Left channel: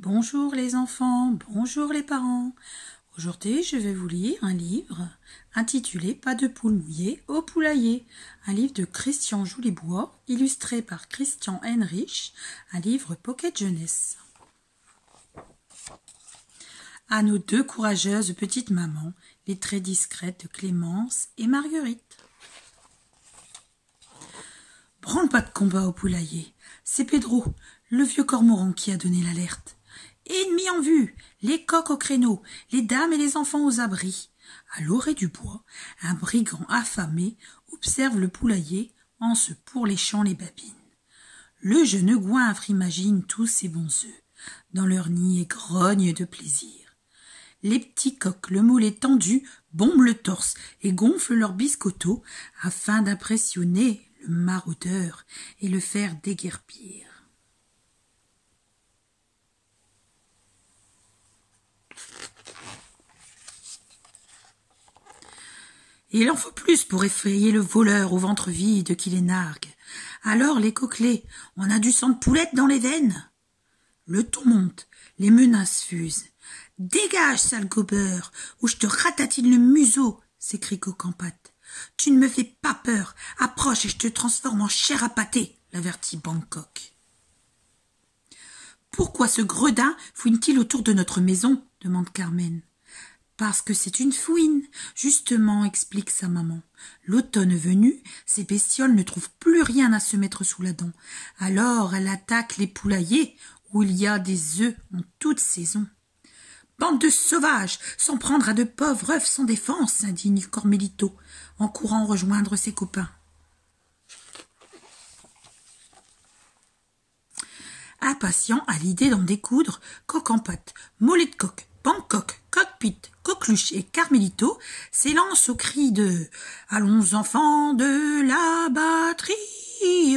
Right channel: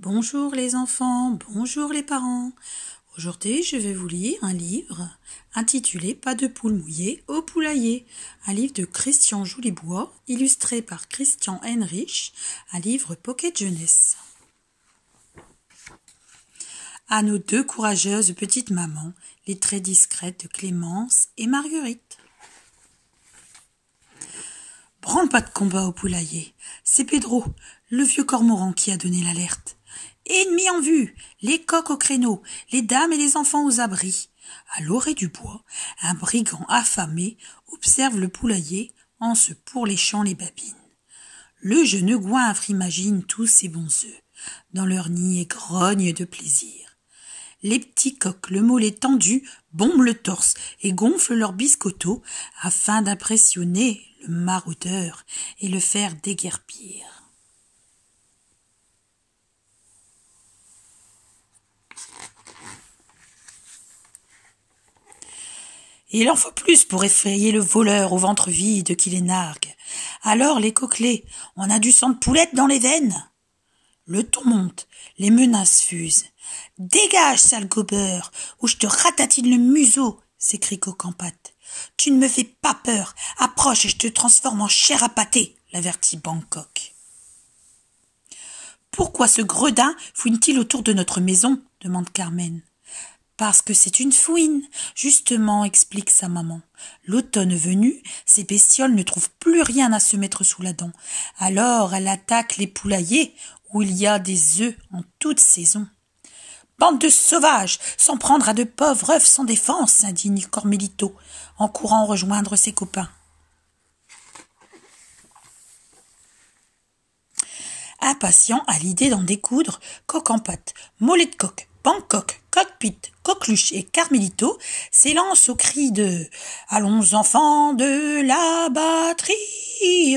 Bonjour les enfants, bonjour les parents. Aujourd'hui, je vais vous lire un livre intitulé Pas de poule mouillée au poulailler, un livre de Christian Joulibois, illustré par Christian Heinrich, un livre Pocket Jeunesse. À nos deux courageuses petites mamans, les très discrètes Clémence et Marguerite. Branle pas de combat au poulailler, c'est Pedro, le vieux cormoran qui a donné l'alerte. Ennemis en vue, les coqs au créneau, les dames et les enfants aux abris. À l'orée du bois, un brigand affamé observe le poulailler en se pourléchant les babines. Le jeune goinfre imagine tous ses bons œufs dans leur nid et grogne de plaisir. Les petits coqs, le mollet tendu, bombent le torse et gonflent leurs biscottos afin d'impressionner le maraudeur et le faire déguerpir. Il en faut plus pour effrayer le voleur au ventre vide qui les nargue. Alors les coquelets, on a du sang de poulette dans les veines. Le ton monte, les menaces fusent. « Dégage, sale gobeur, ou je te ratatine le museau !» s'écrie Coq en pâte. « Tu ne me fais pas peur, approche et je te transforme en chair à pâté !» l'avertit Bangkok. « Pourquoi ce gredin fouine-t-il autour de notre maison ?» demande Carmen. « Parce que c'est une fouine, justement, explique sa maman. L'automne venu, ces bestioles ne trouvent plus rien à se mettre sous la dent. Alors elle attaque les poulaillers où il y a des œufs en toute saison. Bande de sauvages, s'en prendre à de pauvres œufs sans défense, s'indigne Cormelito, en courant rejoindre ses copains. Impatient à l'idée d'en découdre, Coq en pâte, mollet de coq, Bangkok, Cockpit, Coqueluche et Carmelito s'élancent au cri de « Allons enfants de la batterie,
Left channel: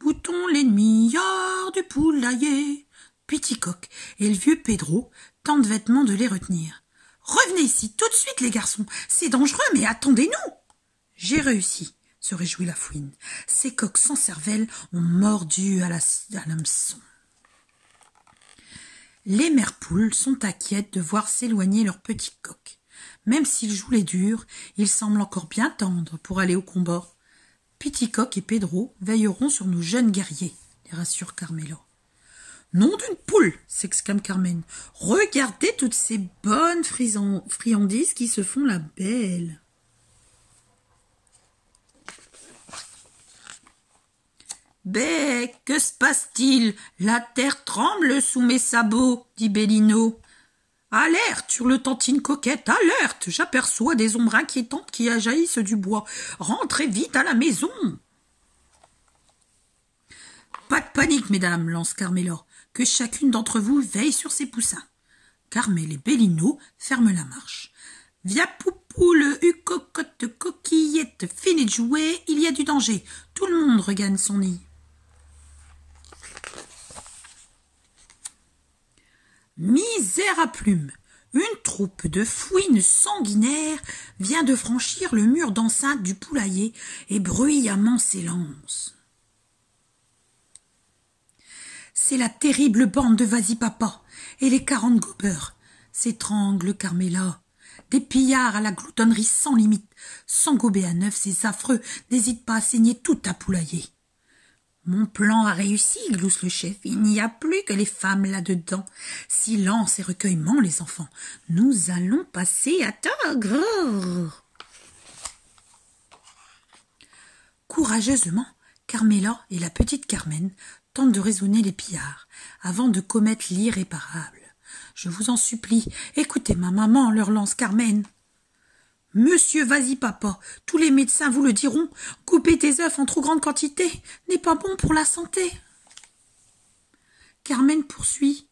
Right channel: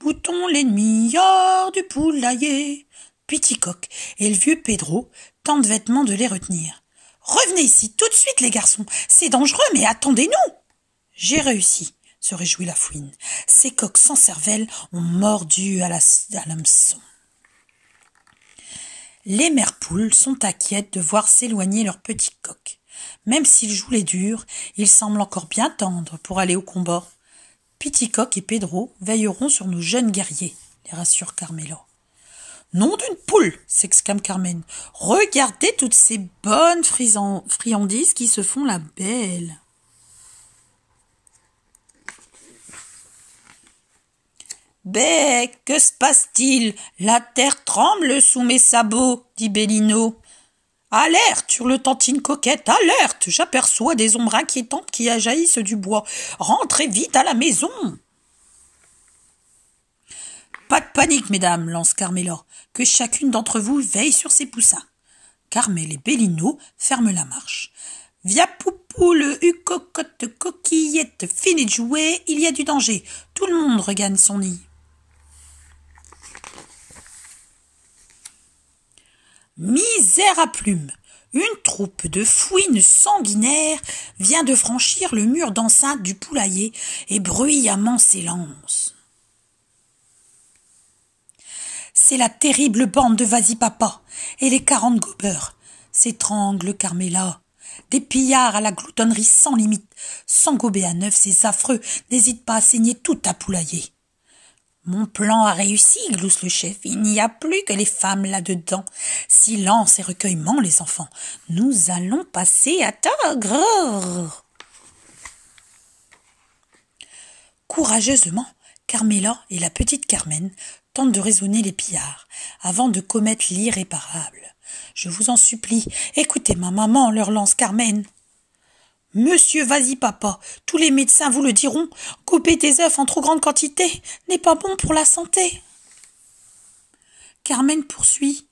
boutons l'ennemi hors du poulailler !» Petit Coq et le vieux Pedro tentent vêtement de les retenir. « Revenez ici tout de suite les garçons, c'est dangereux mais attendez-nous !» J'ai réussi, se réjouit la fouine. Ces coqs sans cervelle ont mordu à l'hameçon. Les mères poules sont inquiètes de voir s'éloigner leurs petits coqs. Même s'ils jouent les durs, ils semblent encore bien tendres pour aller au combat. Petit Coq et Pedro veilleront sur nos jeunes guerriers, les rassure Carmela. Nom d'une poule, s'exclame Carmen. Regardez toutes ces bonnes friandises qui se font la belle. Bé, que se passe-t-il? La terre tremble sous mes sabots, dit Bellino. Alerte, hurle-tantine coquette, alerte! J'aperçois des ombres inquiétantes qui jaillissent du bois. Rentrez vite à la maison! Pas de panique, mesdames, lance Carmela, que chacune d'entre vous veille sur ses poussins. Carmel et Bellino ferment la marche. Via poupoule, cocotte, coquillette, finis de jouer, il y a du danger. Tout le monde regagne son nid. Misère à plumes! Une troupe de fouines sanguinaires vient de franchir le mur d'enceinte du poulailler et bruyamment s'élance. C'est la terrible bande de Vas-y-Papa et les 40 gobeurs, s'étrangle Carmela. Des pillards à la gloutonnerie sans limite, sans gober à neuf, ces affreux n'hésitent pas à saigner tout à poulailler. Mon plan a réussi, glousse le chef, il n'y a plus que les femmes là-dedans. Silence et recueillement, les enfants, nous allons passer à tagre. Courageusement, Carmela et la petite Carmen tentent de raisonner les pillards, avant de commettre l'irréparable. Je vous en supplie, écoutez ma maman, leur lance Carmen. Monsieur Vas-y-Papa, tous les médecins vous le diront, couper des œufs en trop grande quantité n'est pas bon pour la santé. Carmen poursuit.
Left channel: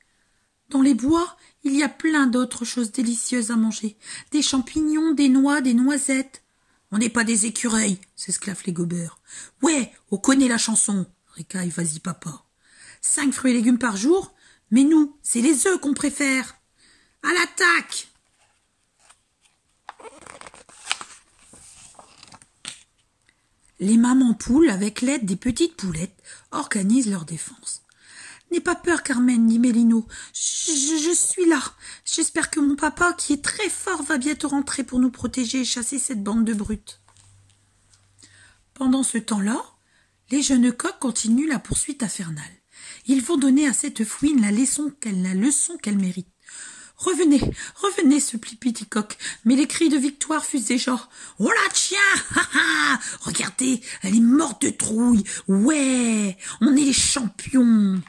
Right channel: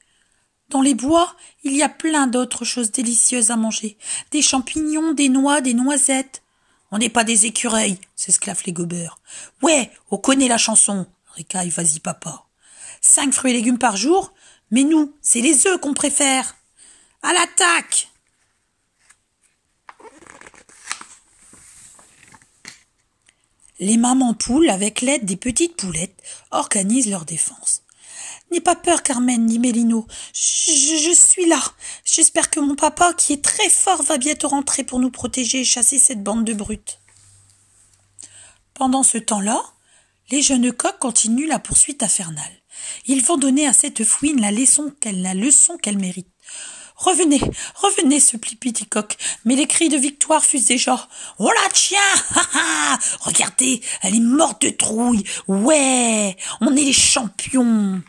Dans les bois, il y a plein d'autres choses délicieuses à manger. Des champignons, des noix, des noisettes. On n'est pas des écureuils, s'esclaffent les gobeurs. Ouais, on connaît la chanson, ricaille Vas-y-Papa. 5 fruits et légumes par jour, mais nous, c'est les œufs qu'on préfère. À l'attaque! Les mamans poules, avec l'aide des petites poulettes, organisent leur défense. N'aie pas peur, Carmen, dit Bellino. Je suis là. J'espère que mon papa, qui est très fort, va bientôt rentrer pour nous protéger et chasser cette bande de brutes. Pendant ce temps-là, les jeunes coqs continuent la poursuite infernale. Ils vont donner à cette fouine la leçon qu'elle mérite. Revenez, revenez, supplie Petit Coq, mais les cris de victoire fusent déjà. On la tient, regardez, elle est morte de trouille. Ouais, on est les champions.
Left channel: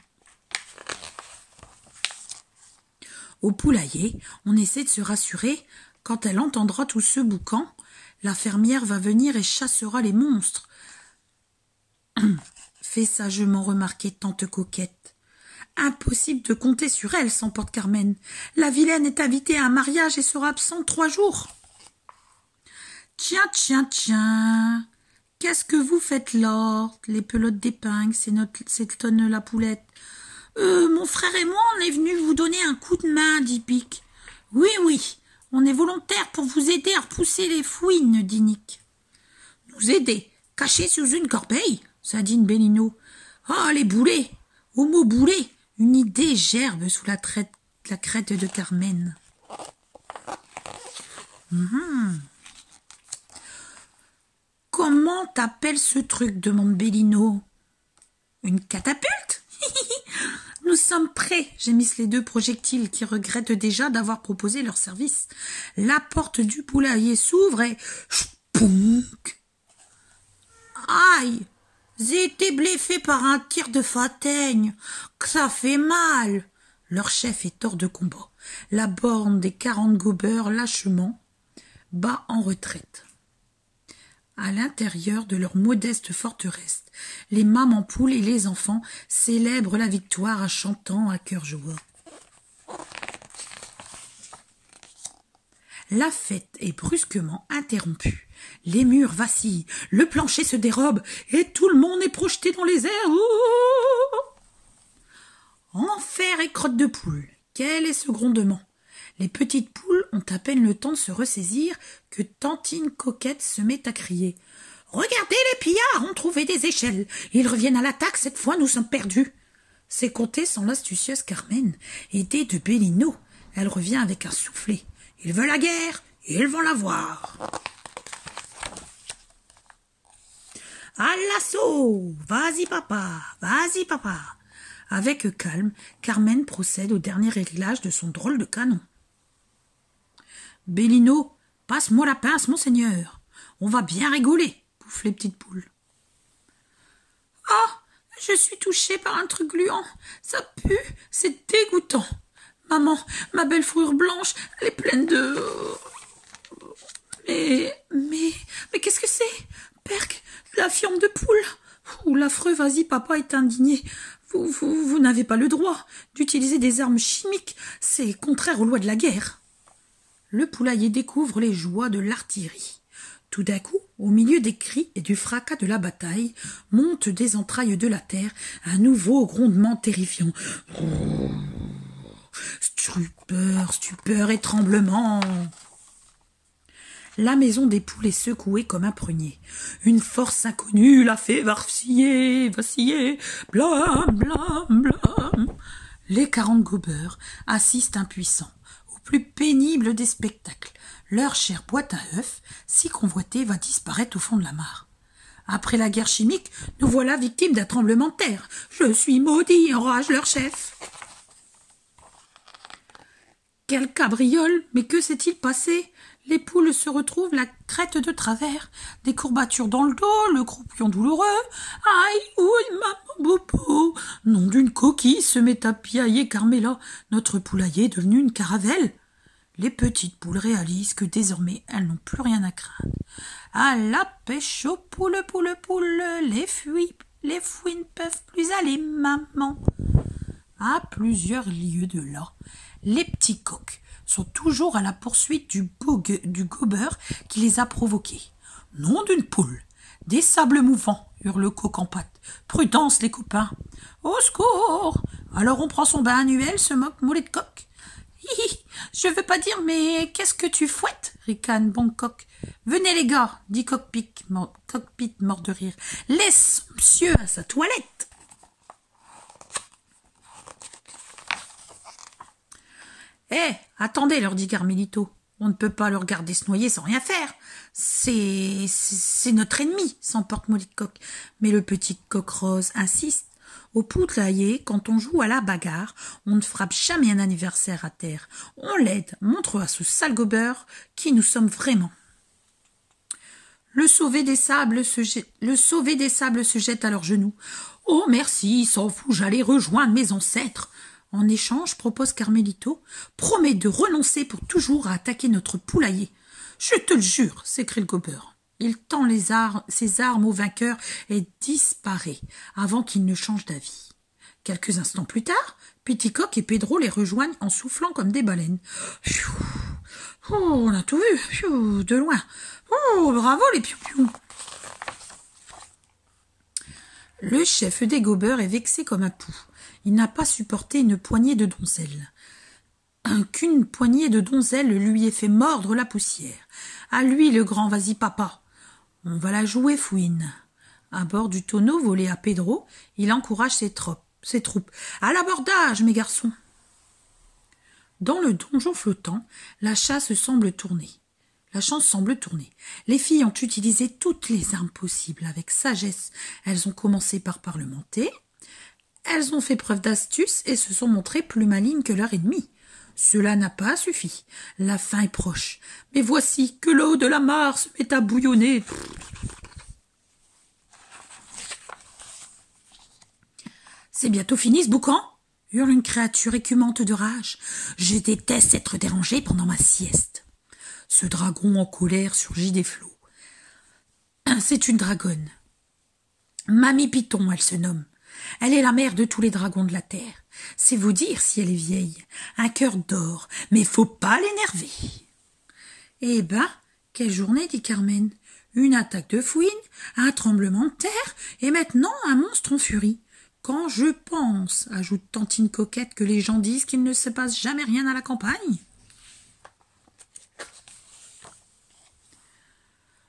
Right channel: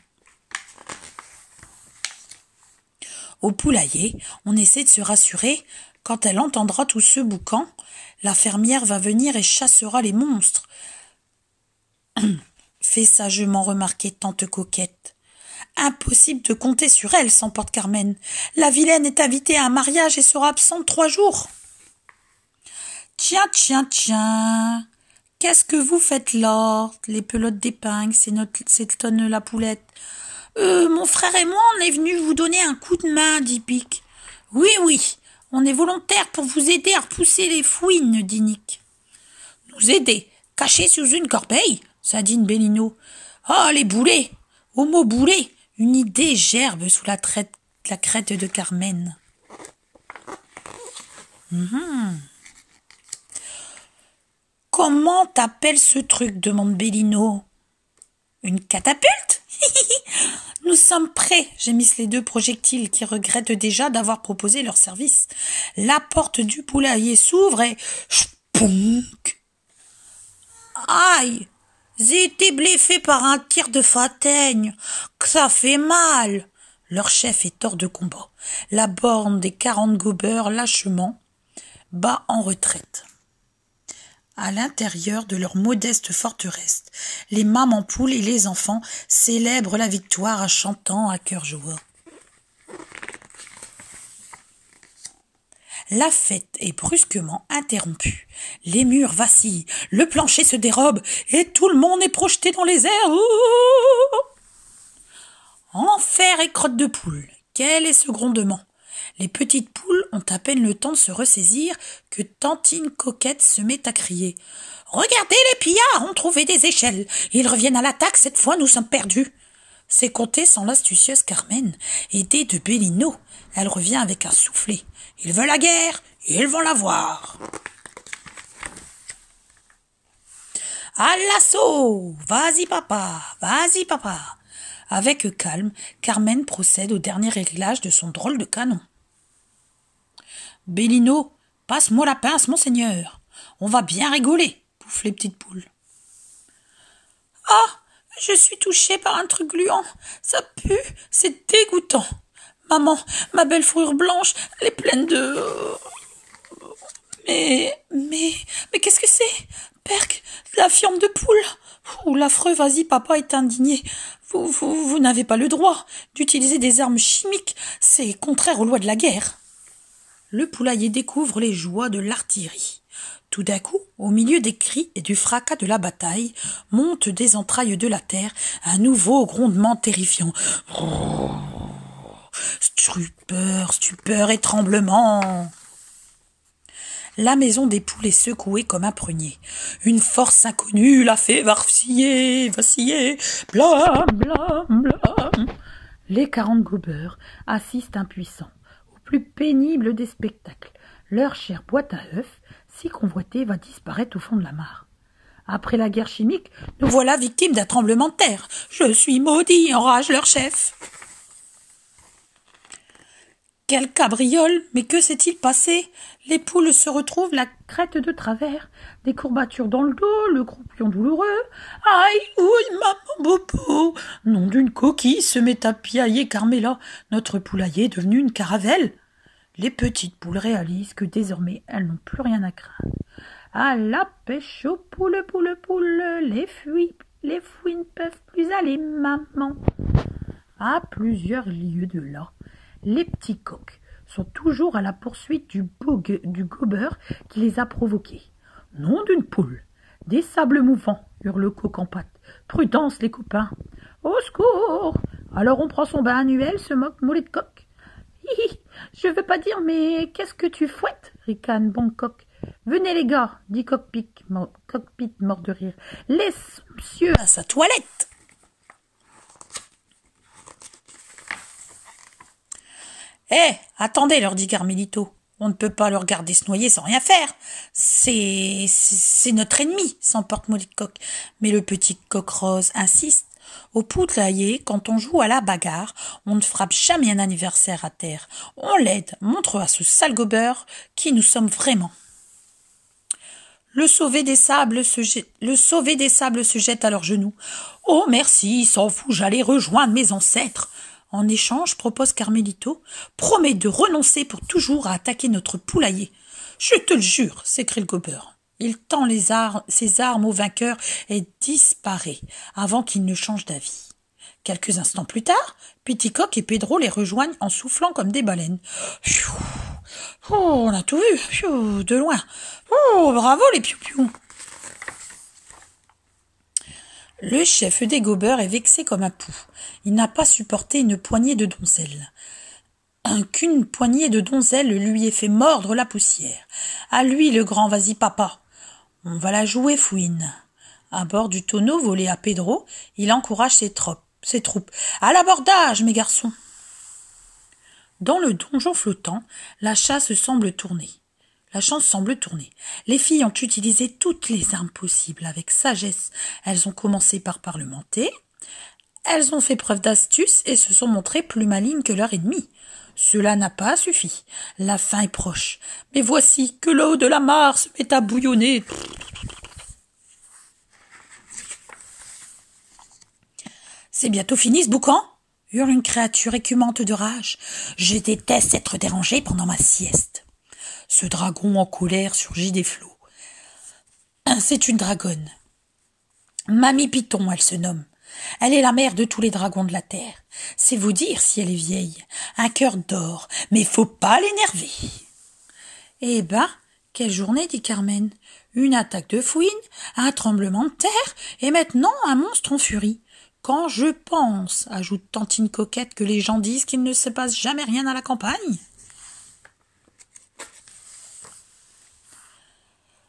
Au poulailler, on essaie de se rassurer. Quand elle entendra tout ce boucan, la fermière va venir et chassera les monstres. Fait sagement remarquer tante Coquette. Impossible de compter sur elle, s'emporte Carmen. La vilaine est invitée à un mariage et sera absente 3 jours. Tiens, tiens, tiens. Qu'est-ce que vous faites là? Les pelotes d'épingle, s'étonne la poulette. Mon frère et moi, on est venus vous donner un coup de main, dit Pic. Oui, oui, on est volontaires pour vous aider à repousser les fouines, dit Nick. Nous aider, cachés sous une corbeille, s'indigne Bellino. Ah, les boulets! Au mot boulet, une idée gerbe sous la crête de Carmen. Comment t'appelles ce truc? Demande Bellino. Une catapulte? Nous sommes prêts, gémissent les 2 projectiles qui regrettent déjà d'avoir proposé leur service. La porte du poulailler s'ouvre et spounk. Aïe! J'ai été bluffé par un tir de fataigne. Que ça fait mal. Leur chef est hors de combat. La bande des 40 gobeurs lâchement bat en retraite. À l'intérieur de leur modeste forteresse, les mamans poules et les enfants célèbrent la victoire en chantant à cœur joie. La fête est brusquement interrompue. Les murs vacillent, le plancher se dérobe et tout le monde est projeté dans les airs. Enfer et crotte de poule, quel est ce grondement? Les petites poules ont à peine le temps de se ressaisir que Tantine Coquette se met à crier. « Regardez, les pillards ont trouvé des échelles. Ils reviennent à l'attaque, cette fois nous sommes perdus. » C'est compté sans l'astucieuse Carmen, aidée de Bellino. Elle revient avec un soufflet. Ils veulent la guerre, ils vont la voir. À l'assaut! Vas-y papa, vas-y papa. Avec calme, Carmen procède au dernier réglage de son drôle de canon. Bellino, passe-moi la pince, monseigneur. On va bien rigoler, pouffent les petites poules. Ah, je suis touchée par un truc gluant. Ça pue, c'est dégoûtant. Maman, ma belle fourrure blanche, elle est pleine de... Mais qu'est-ce que c'est? Perc, la fiente de poule. Ouh, l'affreux, vas-y, papa est indigné. Vous n'avez pas le droit d'utiliser des armes chimiques. C'est contraire aux lois de la guerre. Le poulailler découvre les joies de l'artillerie. Tout d'un coup, au milieu des cris et du fracas de la bataille, monte des entrailles de la terre un nouveau grondement terrifiant. Stupeur et tremblement. La maison des poules est secouée comme un prunier. Une force inconnue la fait vaciller, blâme, blâme, blâme. Les 40 gobeurs assistent impuissants au plus pénible des spectacles. Leur chère boîte à œufs, si convoitée, va disparaître au fond de la mare. Après la guerre chimique, nous voilà victimes d'un tremblement de terre. Je suis maudit, enrage leur chef. Quelle cabriole, mais que s'est-il passé? Les poules se retrouvent la crête de travers, des courbatures dans le dos, le croupion douloureux. Aïe, ouille, maman, bobo. Nom d'une coquille se met à piailler Carmela. Notre poulailler est devenu une caravelle. Les petites poules réalisent que désormais elles n'ont plus rien à craindre. À la pêche aux poules, les fouines peuvent plus aller, maman. À plusieurs lieues de là, les petits coqs sont toujours à la poursuite du gobeur qui les a provoqués. Nom d'une poule, des sables mouvants, hurle le coq en patte. Prudence, les copains. Au secours! Alors on prend son bain annuel, se moque Mollet de Coq. Hi, je veux pas dire, mais qu'est-ce que tu fouettes? Ricane Bangkok. Venez les gars, dit Cockpit mort de rire. Laisse monsieur à sa toilette. Attendez, leur dit Carmelito. On ne peut pas le regarder se noyer sans rien faire. C'est notre ennemi, s'emporte Molly Coq. Mais le petit coq rose insiste. Au poulailler, quand on joue à la bagarre, on ne frappe jamais un anniversaire à terre. On l'aide, montre à ce sale gobeur qui nous sommes vraiment. Le sauvé des sables se jette à leurs genoux. Oh merci, s'en fout, j'allais rejoindre mes ancêtres. En échange, propose Carmelito, promets de renoncer pour toujours à attaquer notre poulailler. Je te le jure, s'écrie le gobeur. Il tend ses armes au vainqueur et disparaît avant qu'il ne change d'avis. Quelques instants plus tard, Petit-Coq et Pedro les rejoignent en soufflant comme des baleines. Oh, on a tout vu, de loin. Oh, bravo les piou-piou. Le chef des gobeurs est vexé comme un pou. Il n'a pas supporté une poignée de donzelles. Qu'une poignée de donzelles lui ait fait mordre la poussière. À lui, le grand, vas-y papa. On va la jouer, fouine. À bord du tonneau volé à Pedro, il encourage ses troupes. À l'abordage, mes garçons. Dans le donjon flottant, la chance semble tourner. Les filles ont utilisé toutes les armes possibles avec sagesse. Elles ont commencé par parlementer. Elles ont fait preuve d'astuce et se sont montrées plus malignes que leur ennemi. Cela n'a pas suffi. La fin est proche. Mais voici que l'eau de la mare se met à bouillonner. C'est bientôt fini ce boucan, hurle une créature écumante de rage. Je déteste être dérangée pendant ma sieste. Ce dragon en colère surgit des flots. C'est une dragonne. Mamie Python, elle se nomme. Elle est la mère de tous les dragons de la terre. C'est vous dire si elle est vieille. Un cœur d'or, mais faut pas l'énerver. Eh ben, quelle journée, dit Carmen. Une attaque de fouine, un tremblement de terre, et maintenant un monstre en furie. Quand je pense, ajoute Tantine Coquette, que les gens disent qu'il ne se passe jamais rien à la campagne.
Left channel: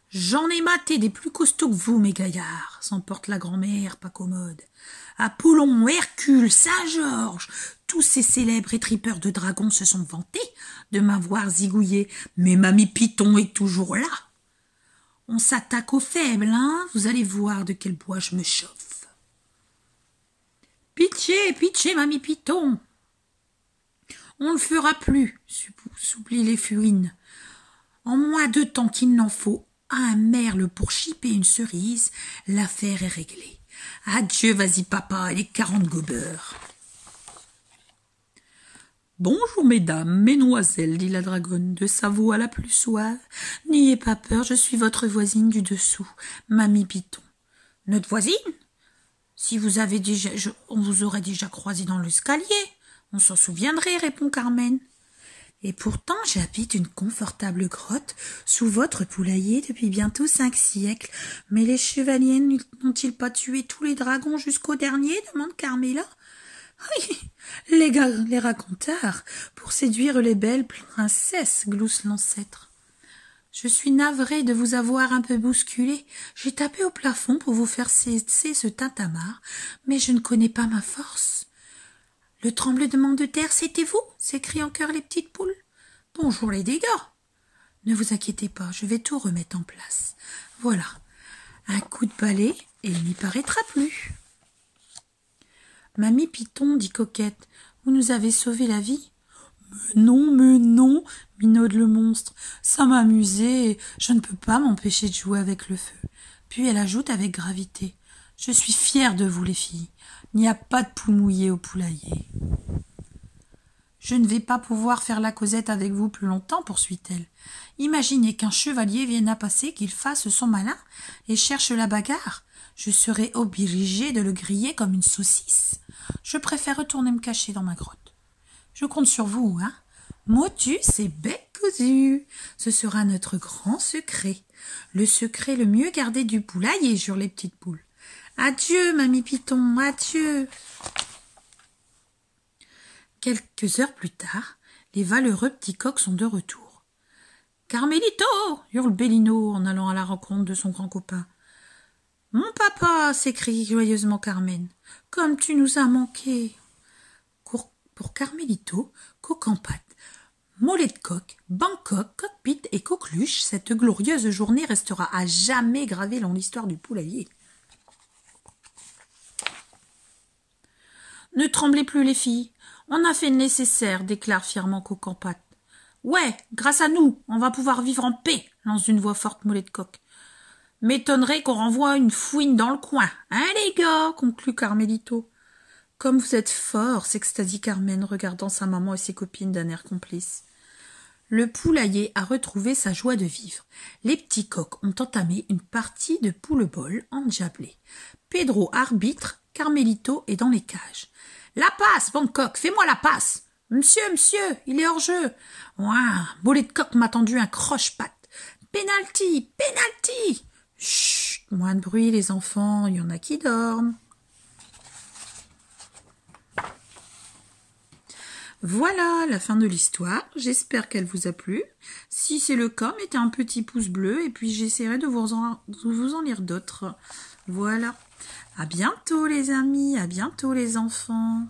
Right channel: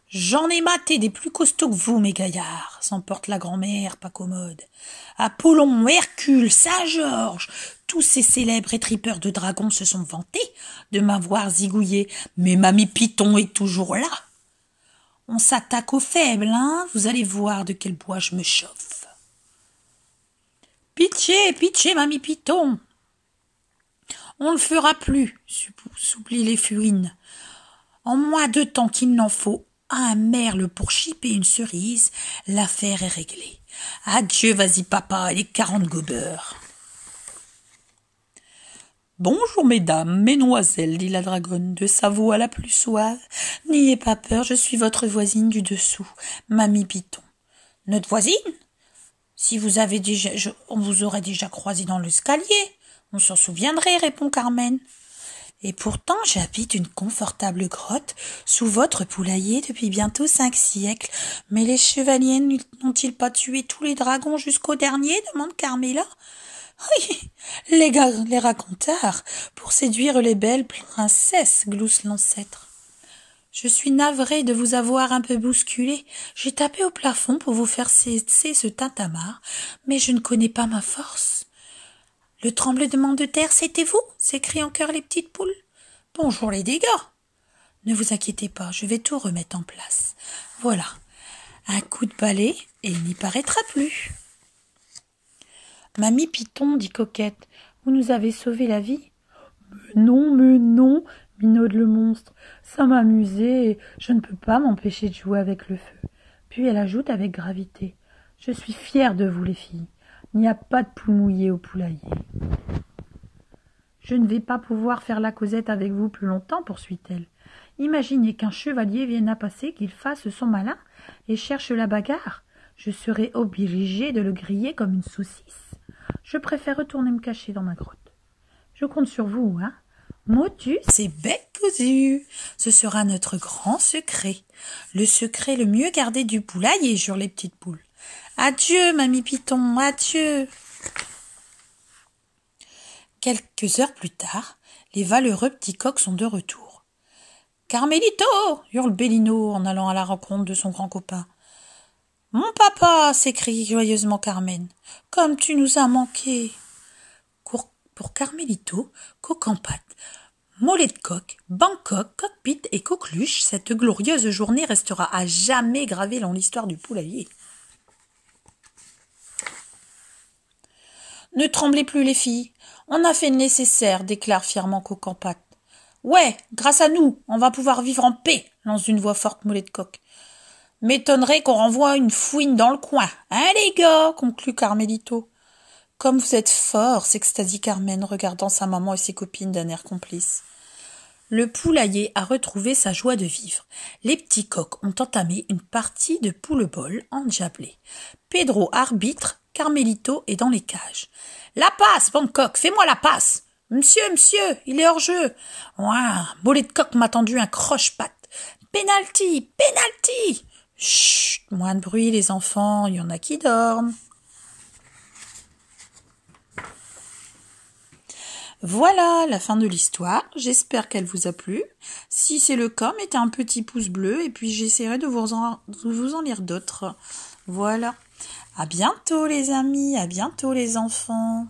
J'en ai maté des plus costauds que vous, mes gaillards, s'emporte la grand-mère pas commode. Apollon, Hercule, Saint-Georges, tous ces célèbres étripeurs de dragons se sont vantés de m'avoir zigouillé, mais Mamie Python est toujours là. On s'attaque aux faibles, hein, vous allez voir de quel bois je me chauffe. Pitié, Mamie Python. On ne le fera plus, souplit les fouines. En moins de temps qu'il n'en faut à un merle pour chipper une cerise, l'affaire est réglée. Adieu, vas-y papa, et les 40 gobeurs. Bonjour mesdames, mesdemoiselles, dit la dragonne, de sa voix la plus suave. N'ayez pas peur, je suis votre voisine du dessous, Mamie Python. Notre voisine? Si vous avez on vous aurait déjà croisé dans l'escalier. On s'en souviendrait, répond Carmen. Et pourtant, j'habite une confortable grotte sous votre poulailler depuis bientôt 5 siècles. Mais les chevaliers n'ont-ils pas tué tous les dragons jusqu'au dernier, demande Carmela. Oui, les racontards, pour séduire les belles princesses, glousse l'ancêtre. Je suis navrée de vous avoir un peu bousculé. J'ai tapé au plafond pour vous faire cesser ce tintamarre, mais je ne connais pas ma force. Le tremblement de terre, c'était vous? S'écrient en chœur les petites poules. Bonjour les dégâts. Ne vous inquiétez pas, je vais tout remettre en place. Voilà, un coup de balai et il n'y paraîtra plus. Mamie Python, dit Coquette, vous nous avez sauvé la vie. Mais non, minaude le monstre, ça m'amusait et je ne peux pas m'empêcher de jouer avec le feu. Puis elle ajoute avec gravité, je suis fière de vous les filles. Il n'y a pas de poule mouillée au poulailler. Je ne vais pas pouvoir faire la causette avec vous plus longtemps, poursuit-elle. Imaginez qu'un chevalier vienne à passer, qu'il fasse son malin et cherche la bagarre. Je serai obligée de le griller comme une saucisse. Je préfère retourner me cacher dans ma grotte. Je compte sur vous, hein. Motus et bec cousu. Ce sera notre grand secret. Le secret le mieux gardé du poulailler, jurent les petites poules. Adieu, Mamie Python, adieu. Quelques heures plus tard, les valeureux petits coqs sont de retour. Carmelito, hurle Bellino en allant à la rencontre de son grand copain. Mon papa, s'écrie joyeusement Carmen, comme tu nous as manqué. pour Carmélito, Coq en pâte, Mollet de coq, Bangkok, Cockpit et Coqueluche, cette glorieuse journée restera à jamais gravée dans l'histoire du poulailler. Ne tremblez plus les filles, on a fait le nécessaire, déclare fièrement Coq en pâte. Ouais, grâce à nous, on va pouvoir vivre en paix, lance d'une voix forte Mollet de coq. M'étonnerait qu'on renvoie une fouine dans le coin, hein les gars, conclut Carmélito. Comme vous êtes forts, s'extasie Carmen, regardant sa maman et ses copines d'un air complice. Le poulailler a retrouvé sa joie de vivre. Les petits coqs ont entamé une partie de poule-bol endiablée. Pedro arbitre, Carmélito est dans les cages. La passe, Bangkok, fais-moi la passe. Monsieur, il est hors jeu. Ouah, Mollet de coq m'a tendu un croche-patte. Penalty, penalty. Chut, moins de bruit les enfants, il y en a qui dorment. Voilà la fin de l'histoire, j'espère qu'elle vous a plu. Si c'est le cas, mettez un petit pouce bleu et puis j'essaierai de vous en lire d'autres. Voilà. À bientôt les amis, à bientôt les enfants.